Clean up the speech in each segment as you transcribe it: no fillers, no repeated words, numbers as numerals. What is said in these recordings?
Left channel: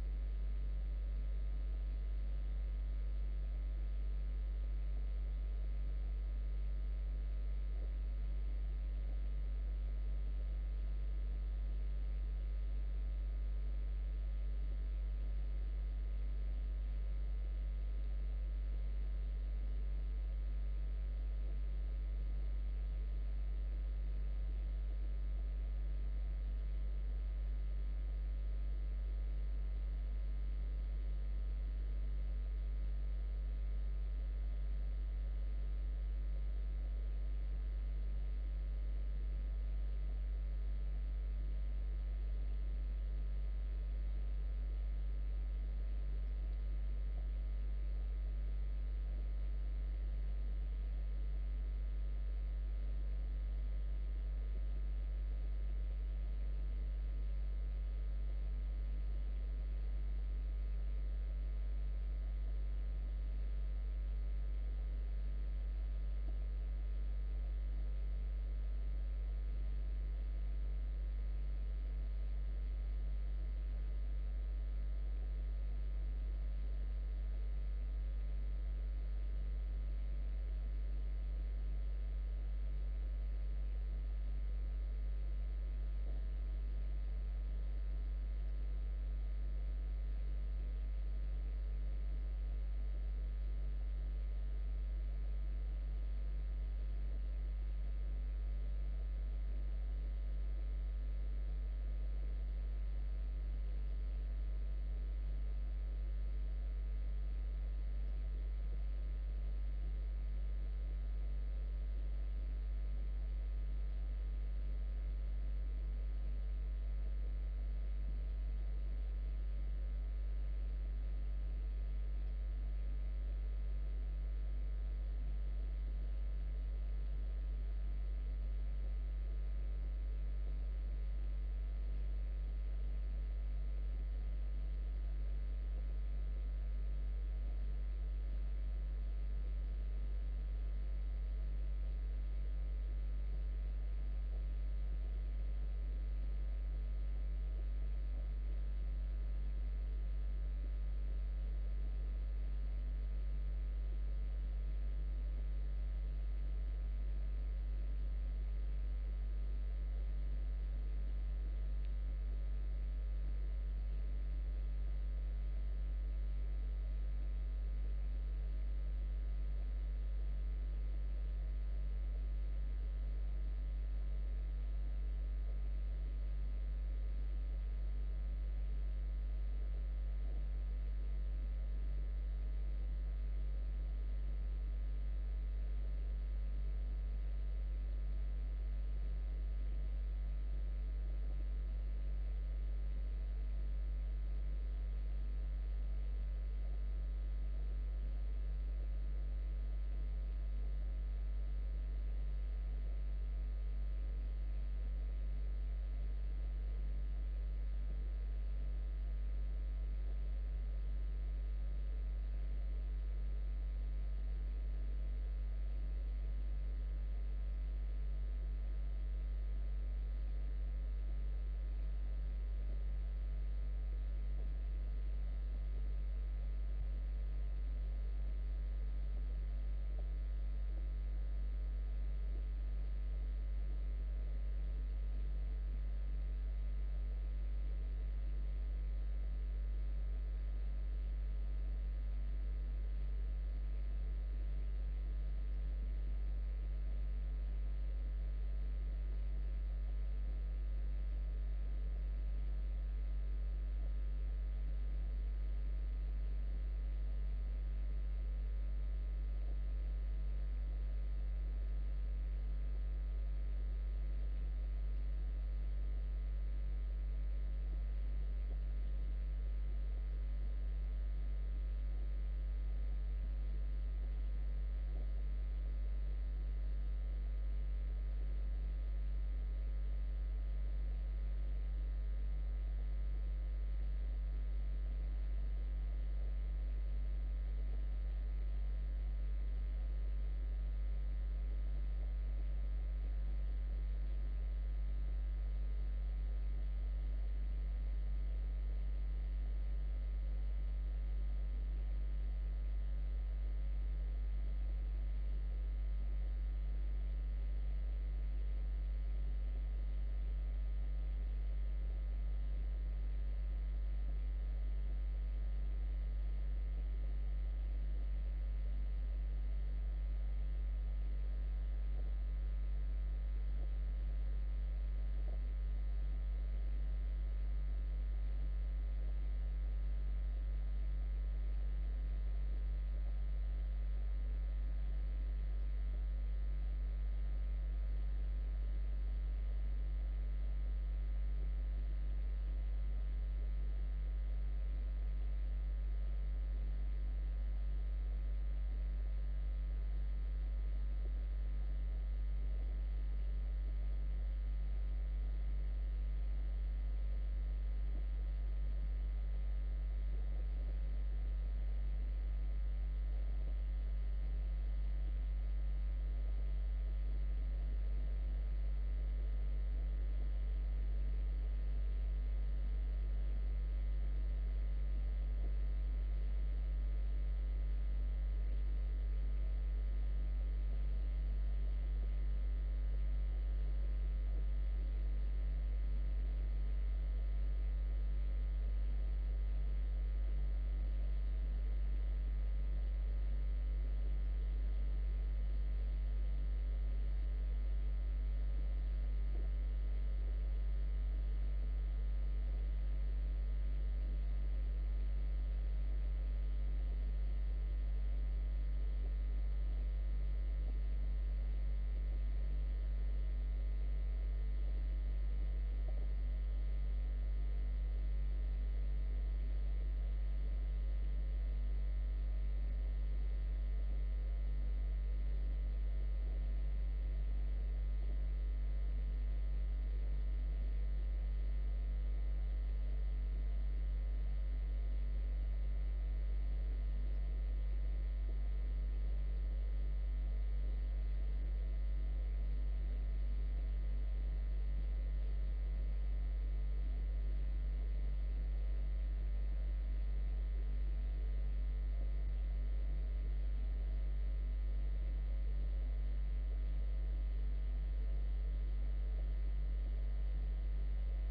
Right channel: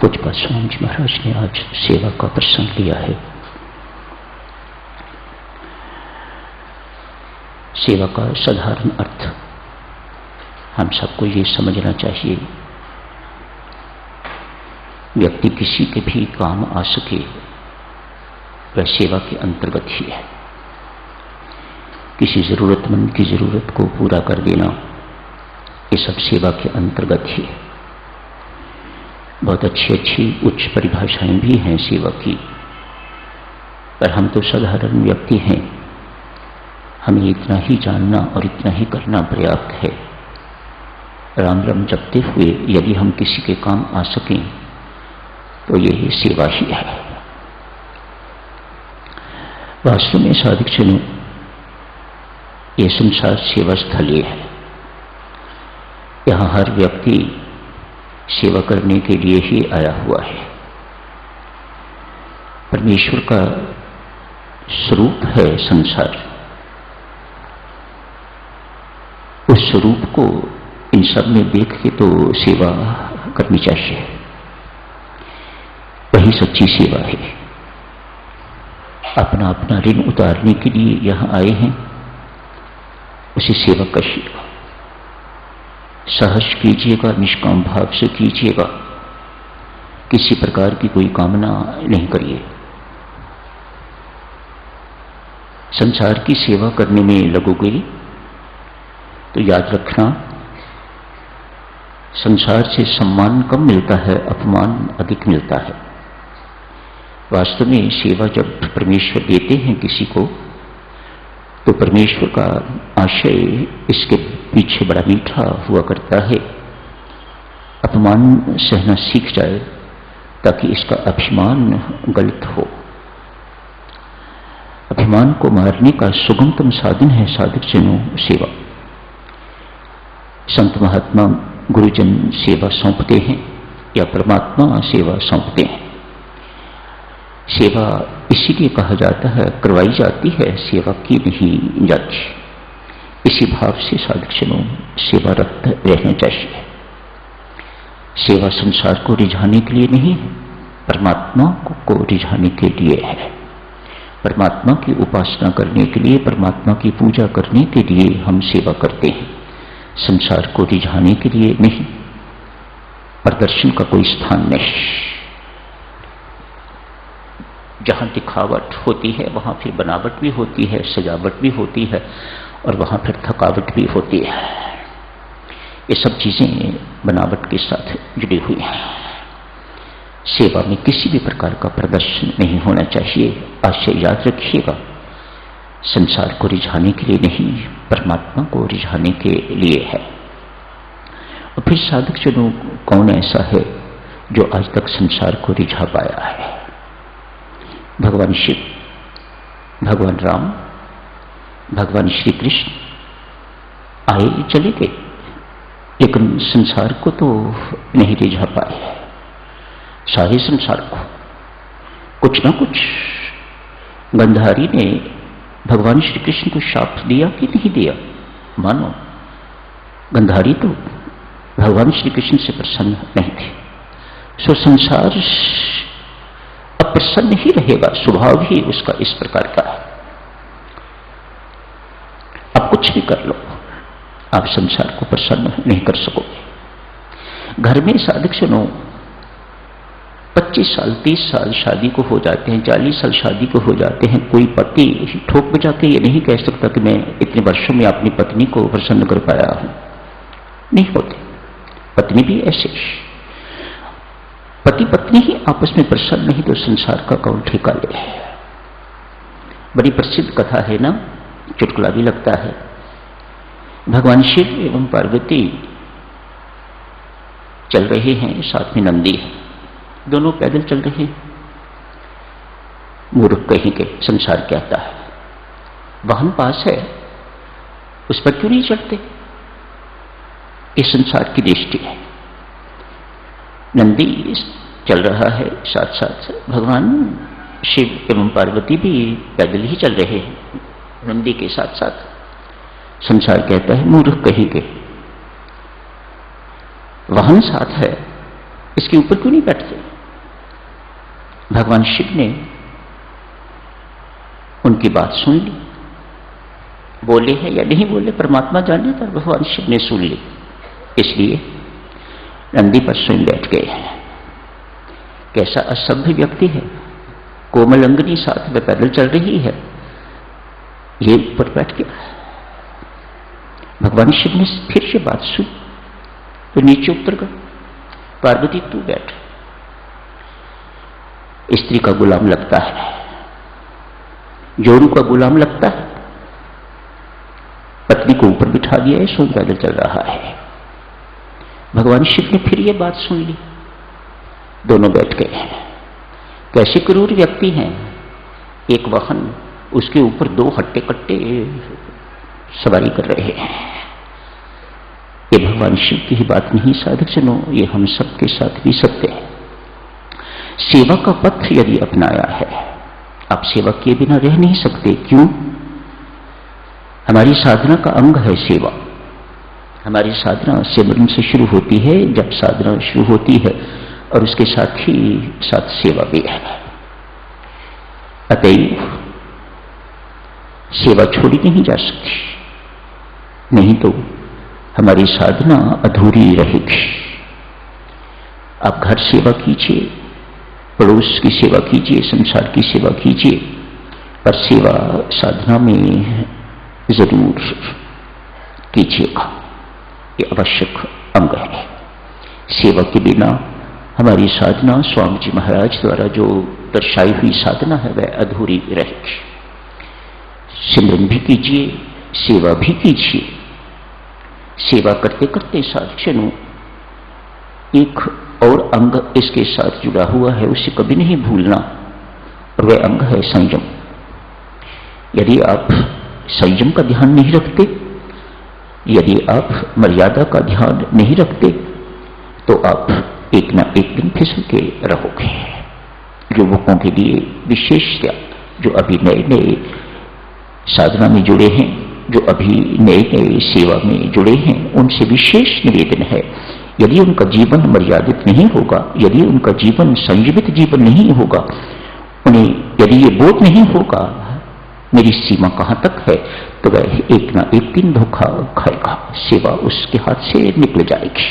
पूज्य स्वामी जी महाराज ने आज सेवा का प्रसंग लिया है। सेवा का साधारण अर्थ हम सबको ये समझना चाहिए, व्यक्ति किसी के भी काम आ सके वह सेवा के अंतर्गत ही है। किसी जरूरतमंद की जरूरत को पूरा कर देना ये सब सेवा के अंतर्गत ही है। बहुत अच्छी अच्छी उच्च परिभाषाएं भी हैं सेवा की, पर हम तो साधारण व्यक्ति हैं, हमें इतना ही जानना और इतना ही करना पर्याप्त है। राम राम जपते हुए यदि हम किसी के काम आ सकें तो ये सेवा ही है। वास्तव में साधक जनों, ये संसार सेवा स्थल है। यहाँ हर व्यक्ति सेवा करने के लिए ही आया हुआ है। परमेश्वर का स्वरूप है संसार। उस स्वरूप को इन सब में देख के तो सेवा करनी चाहिए, वही सच्ची सेवा है। अपना अपना ऋण उतारने के लिए यहां आए हैं, उसे सेवा करिएगा, सहज कीजिएगा, निष्काम भाव से कीजिएगा, किसी प्रकार की कोई कामना नहीं करिए। संसार की सेवा करने में लगोगे तो याद रखना, संसार से सम्मान कम मिलता है, अपमान अधिक मिलता है। वास्तव में सेवा जब परमेश्वर देते हैं किसी को, तो परमेश्वर का आशय इसके पीछे बड़ा मीठा हुआ करता है। अपमान सहना सीख जाए ताकि इसका अभिमान गलत हो। अभिमान को मारने का सुगमतम साधन है साधक जनों सेवा। संत महात्मा गुरुजन सेवा सौंपते हैं या परमात्मा सेवा सौंपते हैं। सेवा इसीलिए कहा जाता है, करवाई जाती है, सेवा की नहीं जाती। इसी भाव से साधक जनों सेवारत रहना चाहिए। सेवा संसार को रिझाने के लिए नहीं, परमात्मा को रिझाने के लिए है। परमात्मा की उपासना करने के लिए, परमात्मा की पूजा करने के लिए हम सेवा करते हैं, संसार को रिझाने के लिए नहीं। प्रदर्शन का कोई स्थान नहीं। जहां दिखावट होती है वहां फिर बनावट भी होती है, सजावट भी होती है, और वहां फिर थकावट भी होती है। ये सब चीजें बनावट के साथ जुड़ी हुई हैं। सेवा में किसी भी प्रकार का प्रदर्शन नहीं होना चाहिए। आशय याद रखिएगा, संसार को रिझाने के लिए नहीं, परमात्मा को रिझाने के लिए है। और फिर साधक जनों, कौन ऐसा है जो आज तक संसार को रिझा पाया है? भगवान शिव, भगवान राम, भगवान श्री कृष्ण आए चले गए, लेकिन संसार को तो नहीं रिझा पाए। सारे संसार को कुछ ना कुछ गंधारी ने भगवान श्री कृष्ण को शाप दिया कि नहीं दिया? मानो गंधारी तो भगवान श्री कृष्ण से प्रसन्न नहीं थे। सो संसार अप्रसन्न ही रहेगा, स्वभाव ही उसका इस प्रकार का है। आप कुछ भी कर लो, आप संसार को प्रसन्न नहीं कर सकोगे। घर में साधक सुनो, 25 साल 30 साल शादी को हो जाते हैं, 40 साल शादी को हो जाते हैं। कोई पति ठोक बजा के ये नहीं कह सकता कि मैं इतने वर्षों में अपनी पत्नी को प्रसन्न कर पाया हूं। नहीं होते। पत्नी भी ऐसे, पति पत्नी ही आपस में प्रसन्न नहीं तो संसार का कौन ठेका ले। बड़ी प्रसिद्ध कथा है ना, चुटकुला भी लगता है। भगवान शिव एवं पार्वती चल रहे हैं, साथ में नंदी है, दोनों पैदल चल रहे हैं। मूर्ख कहीं के, संसार क्या आता है, वाहन पास है, उस पर क्यों नहीं चढ़ते? ये संसार की दृष्टि है। नंदी चल रहा है, साथ साथ भगवान शिव एवं पार्वती भी पैदल ही चल रहे हैं नंदी के साथ साथ। संसार कहता है मूर्ख कहीं के, वाहन साथ है इसके ऊपर क्यों नहीं बैठते? भगवान शिव ने उनकी बात सुन ली, बोले हैं या नहीं बोले परमात्मा जाने, पर भगवान शिव ने सुन ली, इसलिए नंदी पर स्वयं बैठ गए। कैसा असभ्य व्यक्ति है, कोमल अंगनी साथ में पैदल चल रही है, ये ऊपर बैठ गया। भगवान शिव ने फिर ये बात सुनी तो नीचे उतर गए, पार्वती तू बैठ। स्त्री का गुलाम लगता है, जोरू का गुलाम लगता है, पत्नी को ऊपर बिठा दिया है, स्वयं पैदल चल रहा है। भगवान शिव ने फिर ये बात सुन ली, दोनों बैठ गए हैं। कैसे क्रूर व्यक्ति हैं, एक वाहन उसके ऊपर दो हट्टे कट्टे सवारी कर रहे हैं। ये भगवान शिव की ही बात नहीं साधक जनों, ये हम सबके साथ भी सत्य है। सेवा का पथ यदि अपनाया है, आप सेवा किए बिना रह नहीं सकते। क्यों? हमारी साधना का अंग है सेवा। हमारी साधना सिमरन से शुरू होती है। जब साधना शुरू होती है और उसके साथ ही साथ सेवा भी है, अतएव सेवा छोड़ी नहीं जा सकती, नहीं तो हमारी साधना अधूरी रहेगी। आप घर सेवा कीजिए, पड़ोस की सेवा कीजिए, संसार की सेवा कीजिए, पर सेवा साधना में जरूर कीजिएगा, ये आवश्यक अंग है। सेवा के बिना हमारी साधना स्वामी जी महाराज द्वारा जो दर्शाई हुई साधना है वह अधूरी रहेगी। सिमरन भी कीजिए, सेवा भी कीजिए। सेवा करते करते साधकों एक और अंग इसके साथ जुड़ा हुआ है, उसे कभी नहीं भूलना, और वह अंग है संयम। यदि आप संयम का ध्यान नहीं रखते, यदि आप मर्यादा का ध्यान नहीं रखते, तो आप एक ना एक दिन फिसल के रहोगे। युवकों के लिए विशेषता, जो अभी नए नए साधना में जुड़े हैं, जो अभी नए नए सेवा में जुड़े हैं, उनसे विशेष निवेदन है, यदि उनका जीवन मर्यादित नहीं होगा, यदि उनका जीवन संयमित जीवन नहीं होगा, उन्हें यदि ये बोध नहीं होगा मेरी सीमा कहां तक है, तो वह एक ना एक दिन धोखा खाएगा, सेवा उसके हाथ से निकल जाएगी,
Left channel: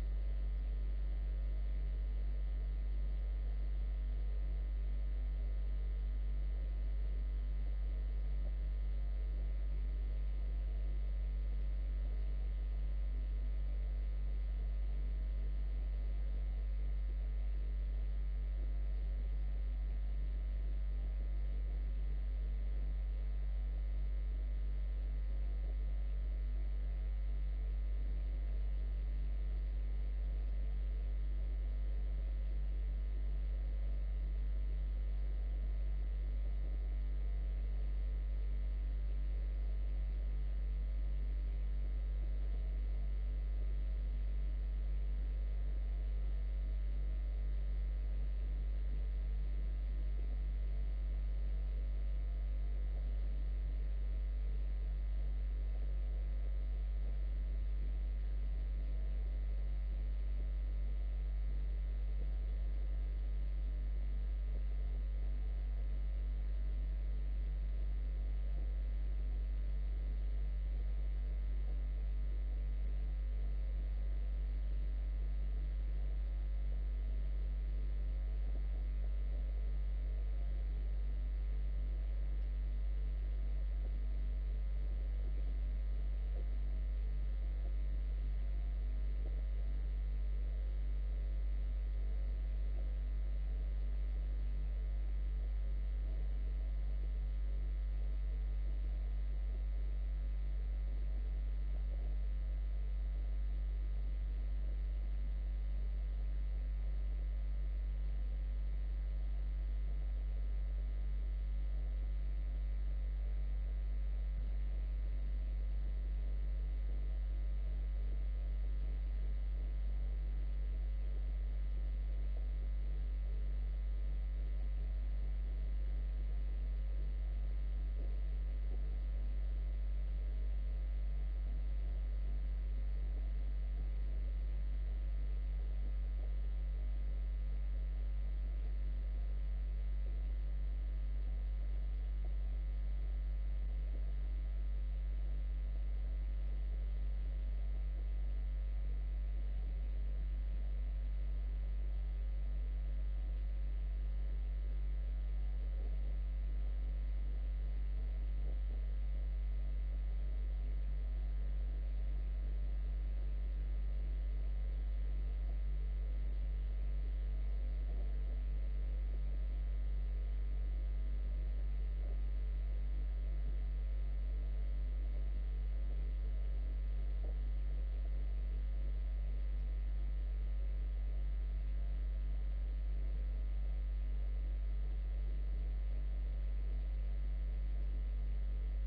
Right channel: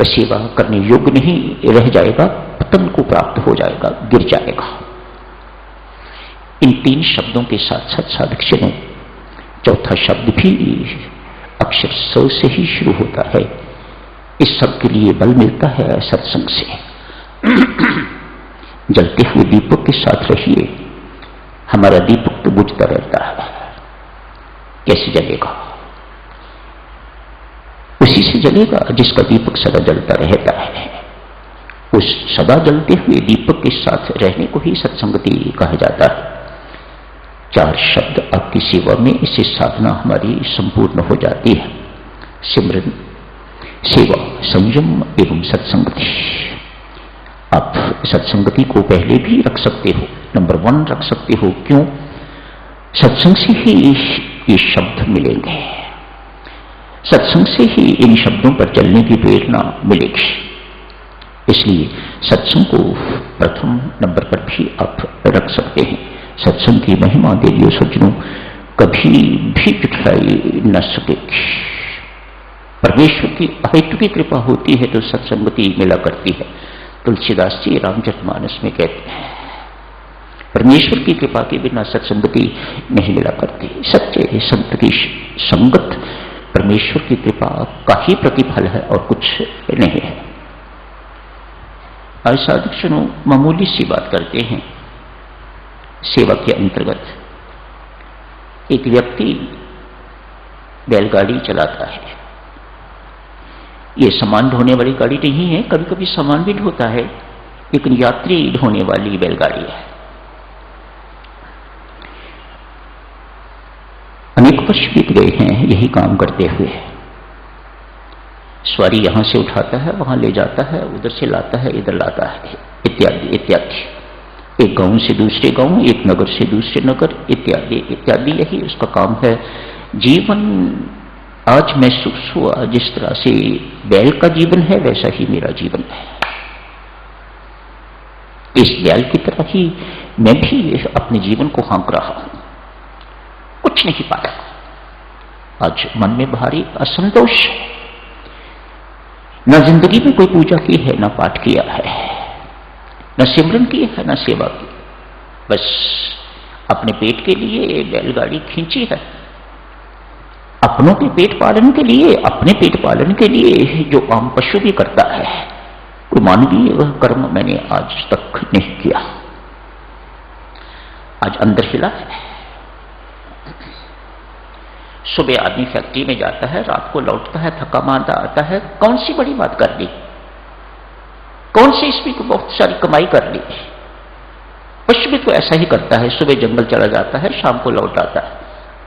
वह सेवा करने योग्य नहीं रह जाएगा, पतन को प्राप्त हो जाएगा, गिर जाएगा। इन तीन शब्दों के साथ साथ साधक जनों, चौथा शब्द भी अक्षर स से ही शुरू होता है। इस सब के लिए बल मिलता है सत्संग से। जलते हुए दीपक के साथ रहिए, हमारा दीपक तो बुझता रहता है, कैसे जलेगा? उसी से जलेगा जिसका दीपक सदा जलता रहता है। उस सदा जलते हुए दीपक के साथ रहने को ही सत्संगति कहा जाता है। चार शब्द आपकी सेवा में, इससे साधना हमारी संपूर्ण हो जाती है। सिमरन, सेवा, संयम एवं सत्संगति। आप सत्संगति को पहले भी रख सकते हो, नंबर 1 रख सकते हो। क्यों? सत्संग से ही ये शब्द मिलेंगे, सत्संग से ही इन शब्दों पर चलने की प्रेरणा मिलेगी। इसलिए सत्संग को प्रथम नंबर पर भी आप रख सकते हैं। सत्संग की महिमा देवियों सज्जनों कभी भी जुटाई न सकेगी। परमेश्वर की अहेतु की कृपा होती है तो सत्संगति मिला करती है। तुलसीदास जी रामचरितमानस में कहते हैं, परमेश्वर की कृपा के बिना सत्संगति नहीं मिला करती। सच्चे संत की संगत परमेश्वर की कृपा का ही प्रतिफल है और कुछ नहीं है। आज साधक सुनो, मामूली सी बात करते हैं। सेवा के अंतर्गत एक व्यक्ति बैलगाड़ी चलाता है। ये सामान ढोने वाली गाड़ी नहीं है, कभी कभी सामान भी ढोता है, लेकिन यात्री ढोने वाली बैलगाड़ी है। अनेक वर्ष बीत गए हैं यही काम करते हुए। सवारी यहां से उठाता है, वहां ले जाता है, उधर से लाता है, इधर लाता है, इत्यादि इत्यादि। एक गांव से दूसरे गांव, एक नगर से दूसरे नगर, इत्यादि इत्यादि, यही उसका काम है। जीवन आज महसूस हुआ जिस तरह से बैल का जीवन है वैसा ही मेरा जीवन है। इस बैल की तरह ही मैं भी अपने जीवन को हाँक रहा हूं, कुछ नहीं पाया। आज मन में भारी असंतोष है, न जिंदगी में कोई पूजा की है, न पाठ किया है, न सिमरन की है, न सेवा की, बस अपने पेट के लिए बैलगाड़ी खींची है, अपनों के पेट पालन के लिए, अपने पेट पालन के लिए जो आम पशु भी करता है, कोई मानवीय कर्म मैंने आज तक नहीं किया। आज अंदर हिला है। सुबह आदमी फैक्ट्री में जाता है, रात को लौटता है, थका मांदा आता है, कौन सी बड़ी बात कर ली, कौन सी इसमें को बहुत सारी कमाई कर ली। पशु भी तो ऐसा ही करता है, सुबह जंगल चला जाता है, शाम को लौट आता है,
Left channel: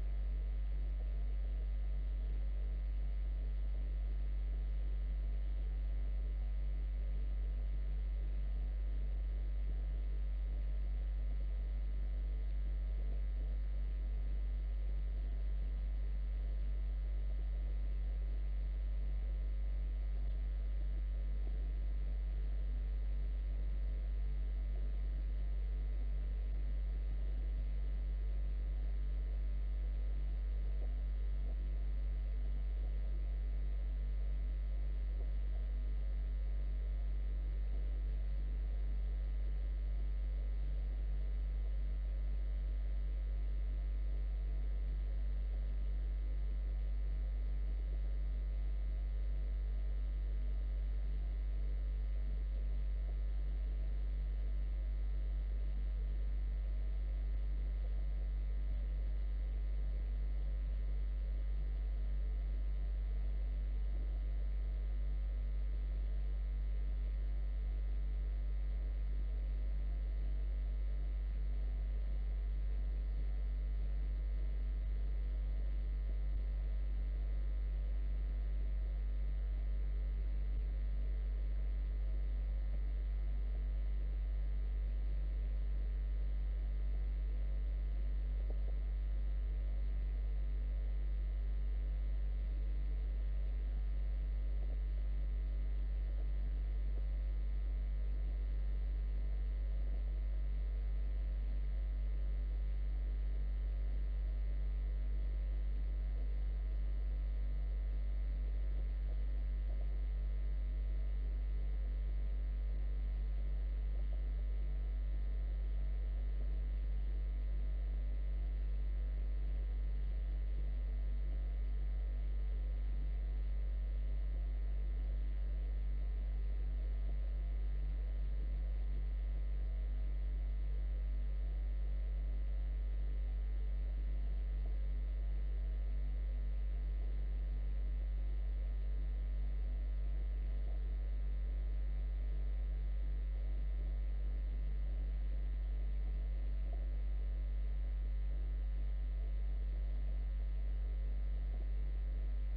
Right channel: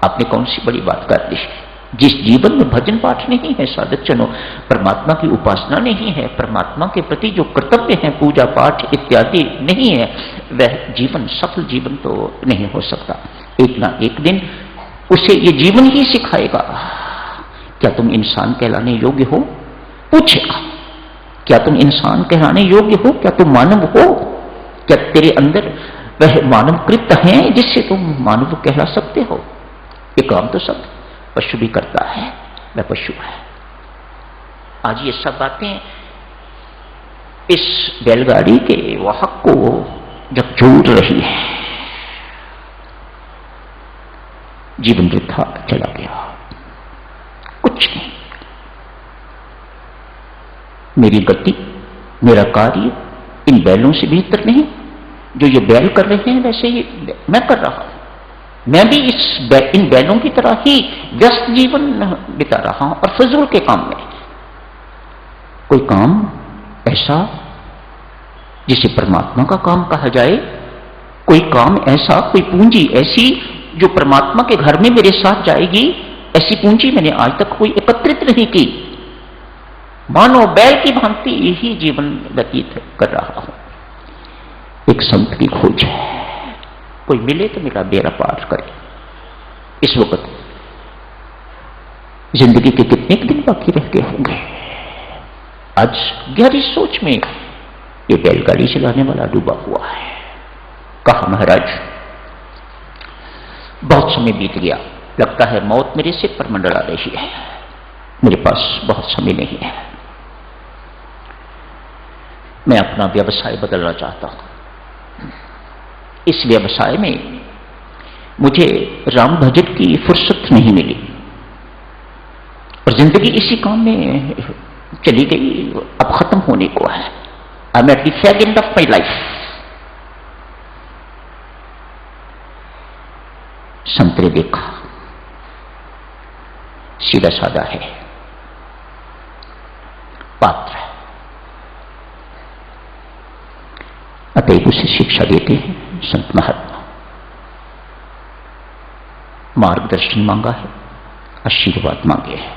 आपने कौन सी बड़ी बात कर दी। जिस जीवन में भजन पाठ नहीं है साधक जनों, परमात्मा की उपासना नहीं है, परमात्मा के प्रति जो कर्तव्य है, पूजा पाठ इत्यादि नहीं है, वह जीवन सफल जीवन तो नहीं हो सकता। एक ना एक दिन उसे ये जीवन ही सिखाएगा, क्या तुम इंसान कहलाने योग्य हो, पूछेगा, क्या तुम इंसान कहलाने योग्य हो, क्या तुम मानव हो, क्या तेरे अंदर वह मानव कृत्य है जिससे तुम मानव कहला सकते हो। ये काम तो सब पशु भी करता है, वह पशु है। आज ये सब बातें इस बैलगाड़ी के वाहक को जब जोड़ रही है, जीवन वृथा चला गया, कुछ नहीं। मेरी गति, मेरा कार्य इन बैलों से बेहतर नहीं। जो ये बैल कर रहे हैं वैसे ही मैं कर रहा हूं। मैं भी इन बैलों की तरह ही व्यस्त जीवन बिता रहा हूं और फजूल के काम में। कोई काम ऐसा जिसे परमात्मा का काम कहा जाए, कोई काम ऐसा, कोई पूंजी ऐसी जो परमात्मा के घर में मेरे साथ जाएगी, ऐसी पूंजी मैंने आज तक कोई एकत्रित नहीं की। मानो बैल की भांति यही जीवन व्यतीत कर रहा हूं। एक संत की खोज है, कोई मिले तो मेरा बेड़ा पार करे। इस वक्त जिंदगी के कितने दिन बाकी रह गए होंगे। आज गहरी सोच में ये बैलगाड़ी चलाने वाला डूबा हुआ है। कहा महाराज, बहुत समय बीत गया, लगता है मौत मेरे सिर पर मंडरा रही है, मेरे पास बहुत समय नहीं है, मैं अपना व्यवसाय बदलना चाहता हूं। इस व्यवसाय में मुझे राम भजन की फुर्सत नहीं मिली और जिंदगी इसी काम में चली गई, अब खत्म होने को है। I am at the fag end of my life. संत ने देखा, सीधा साधा है, पात्र है, अतएव उसे शिक्षा देते हैं संत महात्मा। मार्गदर्शन मांगा है, आशीर्वाद मांगे हैं।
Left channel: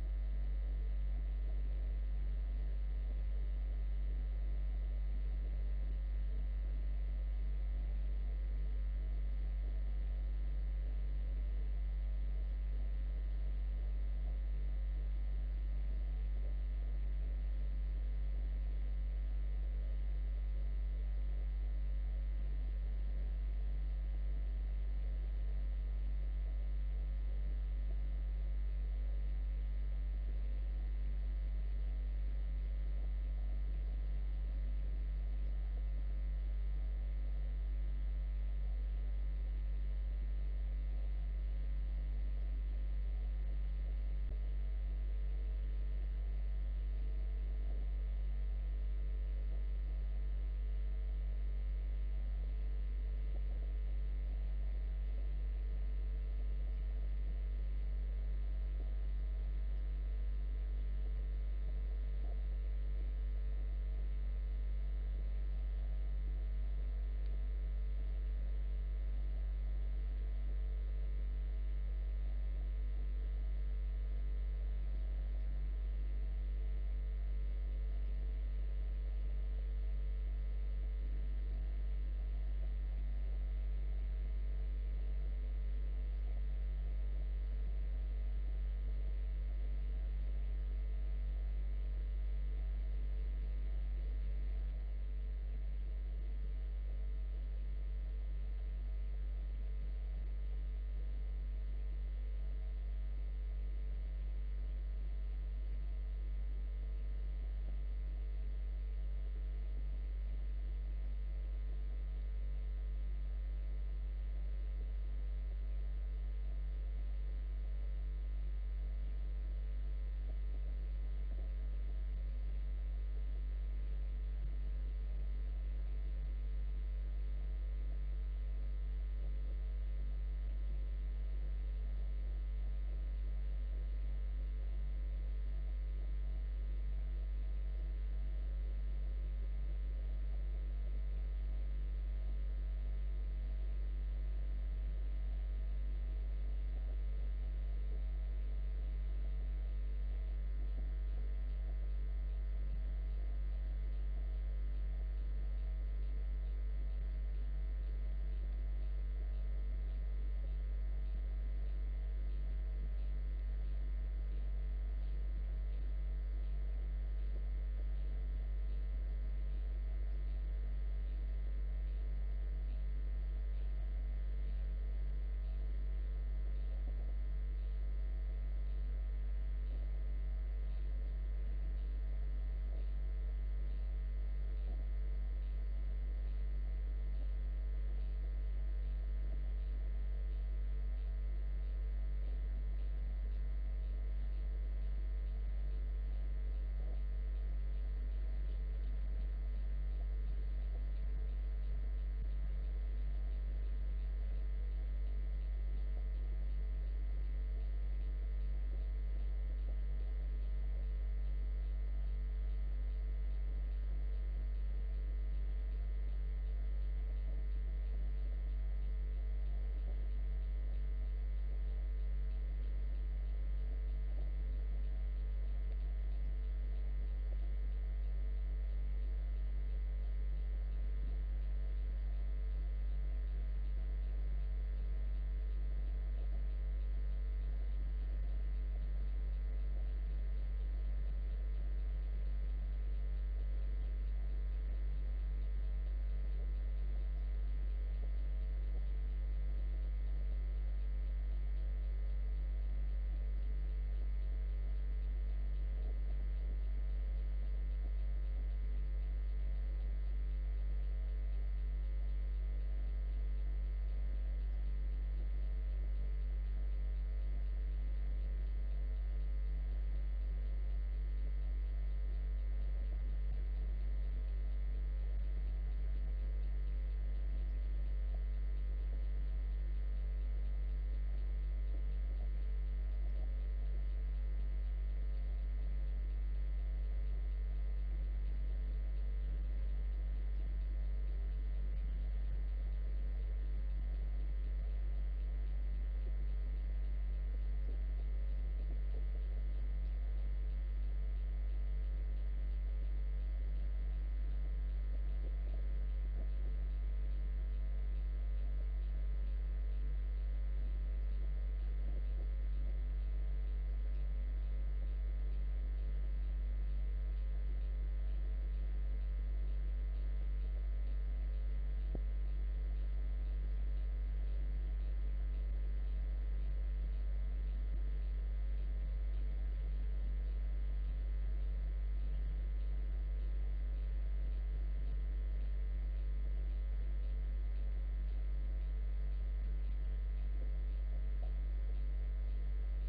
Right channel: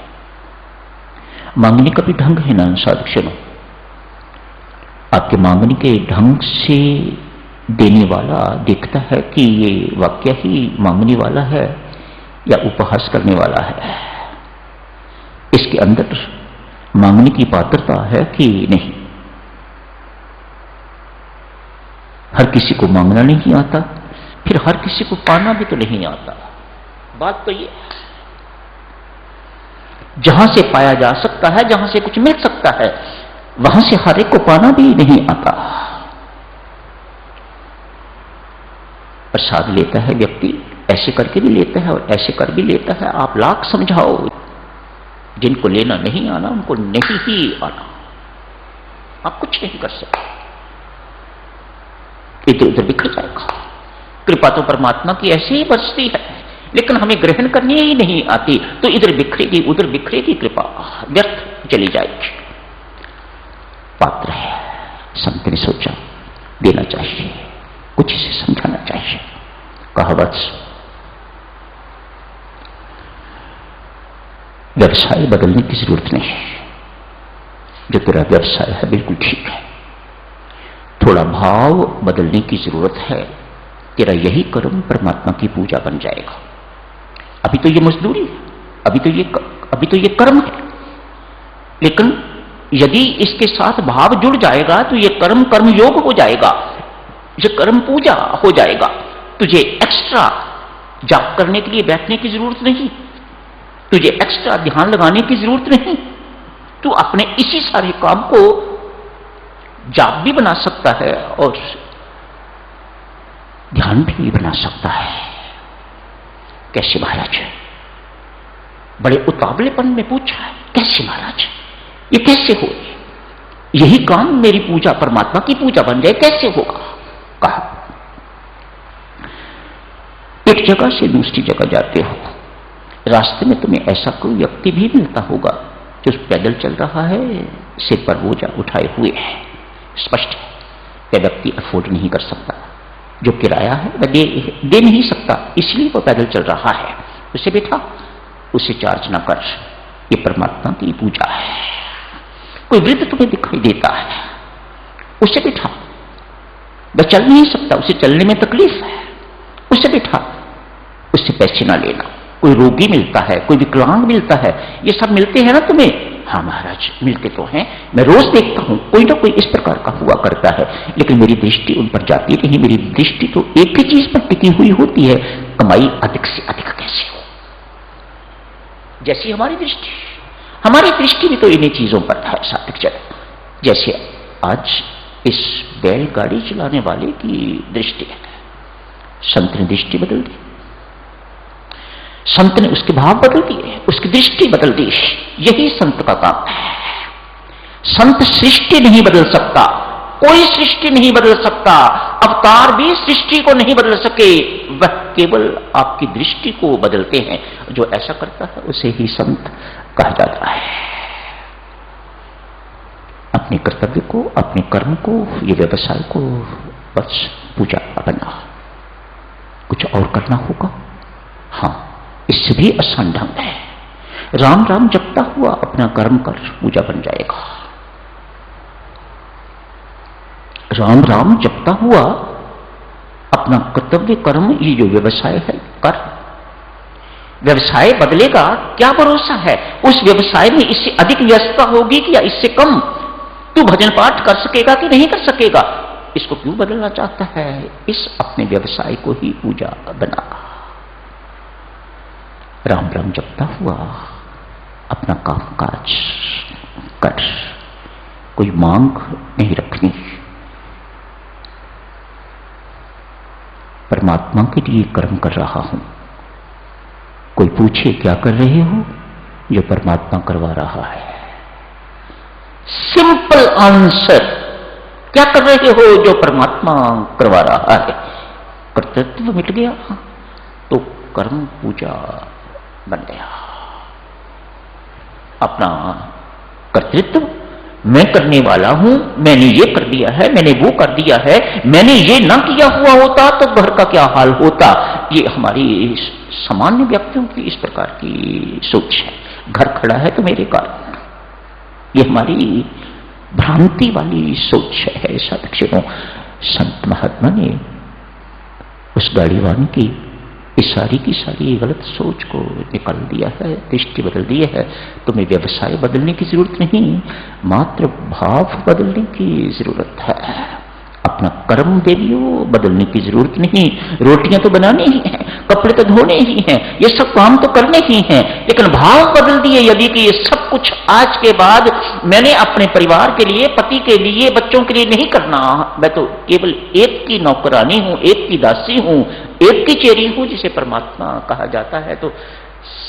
मांगने का भी ढंग है ना साधुजनों। आपके मांगने के ढंग से देने वाला देखता है कि ये वाक्य ही मांगने वाला है या उपहास करने वाला है, इसके अंदर मांगने की पात्रता है कि नहीं। हर किसी को मांगना नहीं आता, फिर हर किसी को पाना भी तो नहीं आता। बात तो ये, जहां से पाया जा सकता है, जहां से कुछ मिल सकता है, वहां से हर एक को पाना भी नहीं आता। प्रसाद लेता है व्यक्ति, ऐसे करके भी लेता है और ऐसे कर भी लेता है। आप लाख समझाओ, जिनको लेना नहीं आना उनको नहीं ही आना, आप कुछ नहीं कर सकते, इधर उधर बिखर जाएगा। कृपा तो परमात्मा की ऐसे ही बरसती है, लेकिन हमें ग्रहण करनी ही नहीं आती, तो इधर बिखरेगी उधर बिखरेगी, कृपा व्यर्थ चली जाएगी। पात्र है, संत ने सोचा देना चाहिए, कुछ इसे समझाना चाहिए। कहा वत्स, व्यवसाय बदलने की जरूरत नहीं है, जो तेरा व्यवसाय है बिल्कुल ठीक है, थोड़ा भाव बदलने की जरूरत है, तेरा यही कर्म परमात्मा की पूजा बन जाएगा। अभी तो ये मजदूरी है, अभी तो ये कर्म है, लेकिन यदि इसके साथ भाव जुड़ जाएगा तो ये कर्म कर्म योग हो जाएगा। ये कर्म पूजा हो जाएगा। तुझे एक्स्ट्रा जाप करने के लिए बैठने की जरूरत नहीं, तुझे एक्स्ट्रा ध्यान लगाने की जरूरत नहीं। तू अपने इसी सारे काम को जाप भी बना सकता है और ध्यान भी बना सकता है। कैसे महाराज? बड़े उतावलेपन में पूछा है, कैसे महाराज, ये कैसे हो? यही काम मेरी पूजा परमात्मा की पूजा बन जाए, कैसे होगा? कहा, एक जगह से दूसरी जगह जाते हो, रास्ते में तुम्हें ऐसा कोई व्यक्ति भी मिलता होगा जो पैदल चल रहा है, सिर पर बोझा उठाए हुए है। स्पष्ट है वह व्यक्ति अफोर्ड नहीं कर सकता, जो किराया है वह दे नहीं सकता, इसलिए वह पैदल चल रहा है। उसे बैठा, उसे चार्ज ना कर, ये परमात्मा की पूजा है। कोई वृद्ध तुम्हें दिखाई देता है, उसे बैठा, वह चल नहीं सकता, उसे चलने में तकलीफ है, उसे बैठा, उससे पैसे ना लेना। कोई रोगी मिलता है, कोई विकलांग मिलता है, ये सब मिलते हैं ना तुम्हें? हाँ महाराज मिलते तो हैं, मैं रोज देखता हूं, कोई ना कोई इस प्रकार का हुआ करता है, लेकिन मेरी दृष्टि उन पर जाती नहीं। मेरी दृष्टि तो एक ही चीज पर टिकी हुई होती है, कमाई अधिक से अधिक कैसे हो। जैसी हमारी दृष्टि भी तो इन्हीं चीजों पर है सात्विक जन। जैसे आज इस बैलगाड़ी चलाने वाले की दृष्टि है, संत ने दृष्टि बदल दी, संत ने उसके भाव बदल दिए, उसकी दृष्टि बदल दी। यही संत का काम है। संत सृष्टि नहीं बदल सकता, कोई सृष्टि नहीं बदल सकता, अवतार भी सृष्टि को नहीं बदल सके, वह केवल आपकी दृष्टि को बदलते हैं। जो ऐसा करता है उसे ही संत कहा जाता है। अपने कर्तव्य को, अपने कर्म को, ये व्यवसाय को बस पूजा बना, कुछ और करना होगा। हां, इससे भी आसान ढंग है। राम राम जपता हुआ अपना कर्म कर पूजा बन जाएगा। राम राम जपता हुआ अपना कर्तव्य कर्म, ये जो व्यवसाय है कर। व्यवसाय बदलेगा, क्या भरोसा है उस व्यवसाय में इससे अधिक व्यस्तता होगी कि या इससे कम? तू भजन पाठ कर सकेगा कि नहीं कर सकेगा? इसको क्यों बदलना चाहता है? इस अपने व्यवसाय को ही पूजा बना। राम राम जपता हुआ अपना काम काज कर, कोई मांग नहीं रखनी। परमात्मा के लिए कर्म कर रहा हूं। कोई पूछे क्या कर रहे हो? जो परमात्मा करवा रहा है। सिंपल आंसर, क्या कर रहे हो? जो परमात्मा करवा रहा है। कर्तव्य मिट गया तो कर्म पूजा बन गया। अपना कर्तृत्व मैं करने वाला हूं, मैंने ये कर दिया है, मैंने वो कर दिया है, मैंने ये ना किया हुआ होता तो घर का क्या हाल होता। ये हमारी सामान्य व्यक्तियों की इस प्रकार की सोच है। घर खड़ा है तो मेरे कारण, ये हमारी भ्रांति वाली सोच है। ऐसा दक्षिणों संत महात्मा ने उस गाड़ीवान की इस सारी की सारी गलत सोच को निकाल दिया है, दृष्टि बदल दी है। तुम्हें व्यवसाय बदलने की जरूरत नहीं, मात्र भाव बदलने की जरूरत है। अपना कर्म देवियो बदलने की जरूरत नहीं। रोटियां तो बनानी ही हैं, कपड़े तो धोने ही हैं, ये सब काम तो करने ही हैं, लेकिन भाव बदल दिए यदि कि ये सब कुछ आज के बाद मैंने अपने परिवार के लिए, पति के लिए, बच्चों के लिए नहीं करना, मैं तो केवल एक की नौकरानी हूं, एक की दासी हूं, एक की चेरी हूं, जिसे परमात्मा कहा जाता है, तो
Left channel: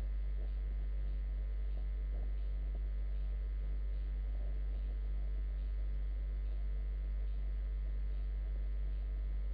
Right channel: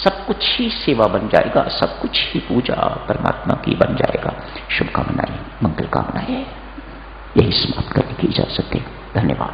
सब कुछ ही सेवा बन जाएगा, सब कुछ ही पूजा परमात्मा की बन जाएगा। शुभकामनाएं, मंगल कामनाएं, यही समाप्त करने की इजाजत है। धन्यवाद।